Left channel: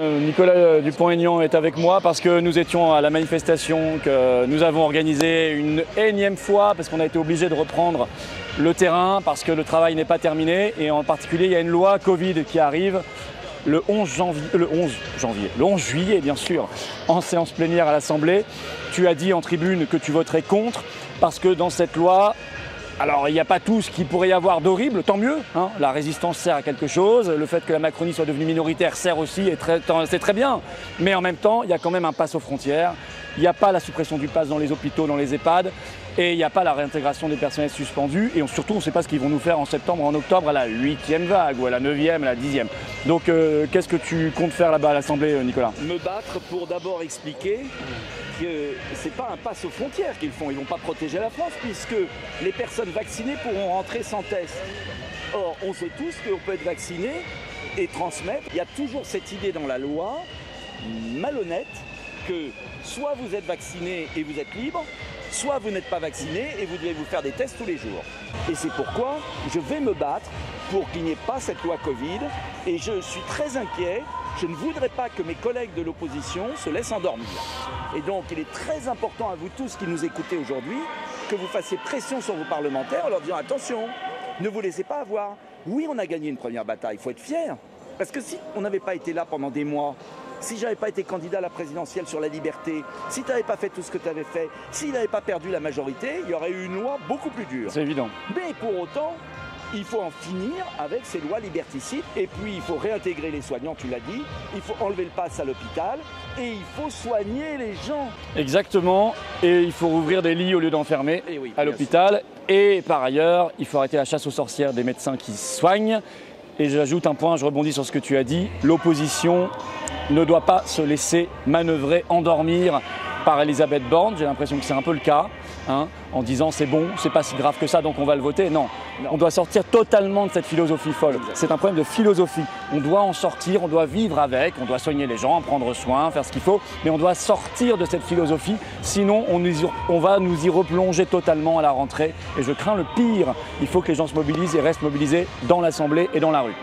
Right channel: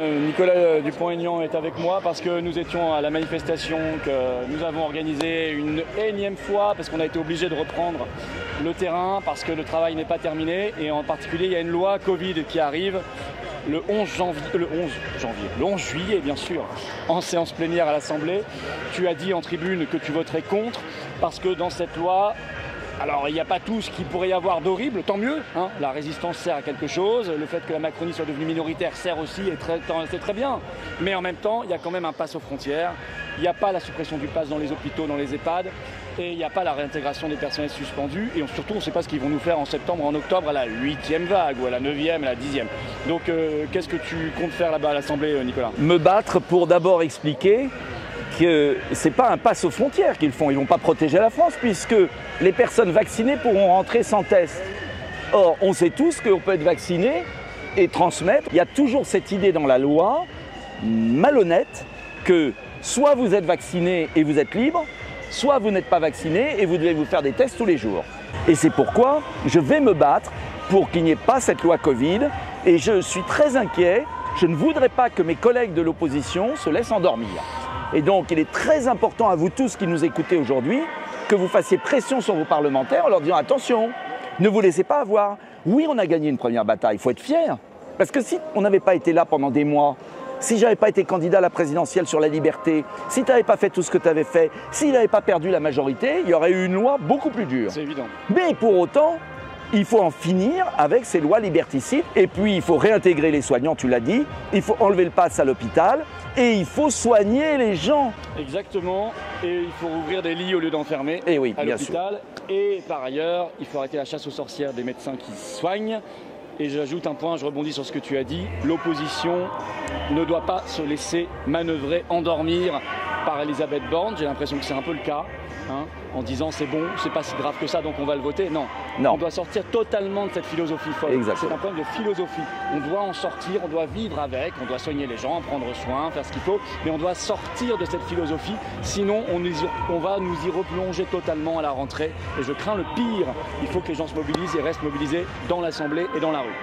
Nicolas Dupont-Aignan est avec moi parce que nous étions à la manifestation que nous avons organisée une énième fois parce qu'on a été obligé de reprendre le terrain parce que le travail n'est pas terminé et en particulier il y a une loi Covid qui arrive le 11 juillet bien sûr, en séance plénière à l'Assemblée. Tu as dit en tribune que tu voterais contre parce que dans cette loi, alors il n'y a pas tout ce qu'il pourrait y avoir d'horrible, tant mieux, hein. La résistance sert à quelque chose, le fait que la Macronie soit devenue minoritaire sert aussi, et c'est très bien. Mais en même temps, il y a quand même un pass aux frontières, il n'y a pas la suppression du pass dans les hôpitaux, dans les EHPAD, et il n'y a pas la réintégration des personnels suspendus, et surtout on ne sait pas ce qu'ils vont nous faire en septembre, en octobre, à la 8e vague, ou à la 9e, à la 10e. Donc qu'est-ce que tu comptes faire là-bas à l'Assemblée, Nicolas? Me battre pour d'abord expliquer que ce n'est pas un pass aux frontières qu'ils font. Ils ne vont pas protéger la France puisque les personnes vaccinées pourront rentrer sans test. Or, on sait tous qu'on peut être vacciné et transmettre. Il y a toujours cette idée dans la loi, malhonnête, que soit vous êtes vacciné et vous êtes libre, soit vous n'êtes pas vacciné et vous devez vous faire des tests tous les jours. Et c'est pourquoi je vais me battre pour qu'il n'y ait pas cette loi Covid. Et je suis très inquiet. Je ne voudrais pas que mes collègues de l'opposition se laissent endormir. Et donc, il est très important à vous tous qui nous écoutez aujourd'hui que vous fassiez pression sur vos parlementaires en leur disant « Attention, ne vous laissez pas avoir. » Oui, on a gagné une première bataille, il faut être fier. Parce que si on n'avait pas été là pendant des mois, si je n'avais pas été candidat à la présidentielle sur la liberté, si tu n'avais pas fait tout ce que tu avais fait, s'il n'avait pas perdu la majorité, il y aurait eu une loi beaucoup plus dure. C'est évident. Mais pour autant, il faut en finir avec ces lois liberticides. Et puis, il faut réintégrer les soignants, tu l'as dit. Il faut enlever le pass à l'hôpital. Et il faut soigner les gens. Exactement. Et il faut rouvrir des lits au lieu d'enfermer oui, à l'hôpital. Et par ailleurs, il faut arrêter la chasse aux sorcières des médecins qui soignent. Et j'ajoute un point, je rebondis sur ce que tu as dit. L'opposition ne doit pas se laisser manœuvrer, endormir par Elisabeth Borne. J'ai l'impression que c'est un peu le cas, hein, en disant c'est bon, c'est pas si grave que ça, donc on va le voter. Non, on doit sortir totalement de cette philosophie folle. C'est un problème de philosophie. On doit en sortir, on doit vivre avec, on doit soigner les gens, prendre soin, faire ce qu'il faut, mais on doit sortir de cette philosophie, sinon on va nous y replonger totalement à la rentrée. Et je crains le pire. Il faut que les gens se mobilisent et restent mobilisés dans l'Assemblée et dans la rue.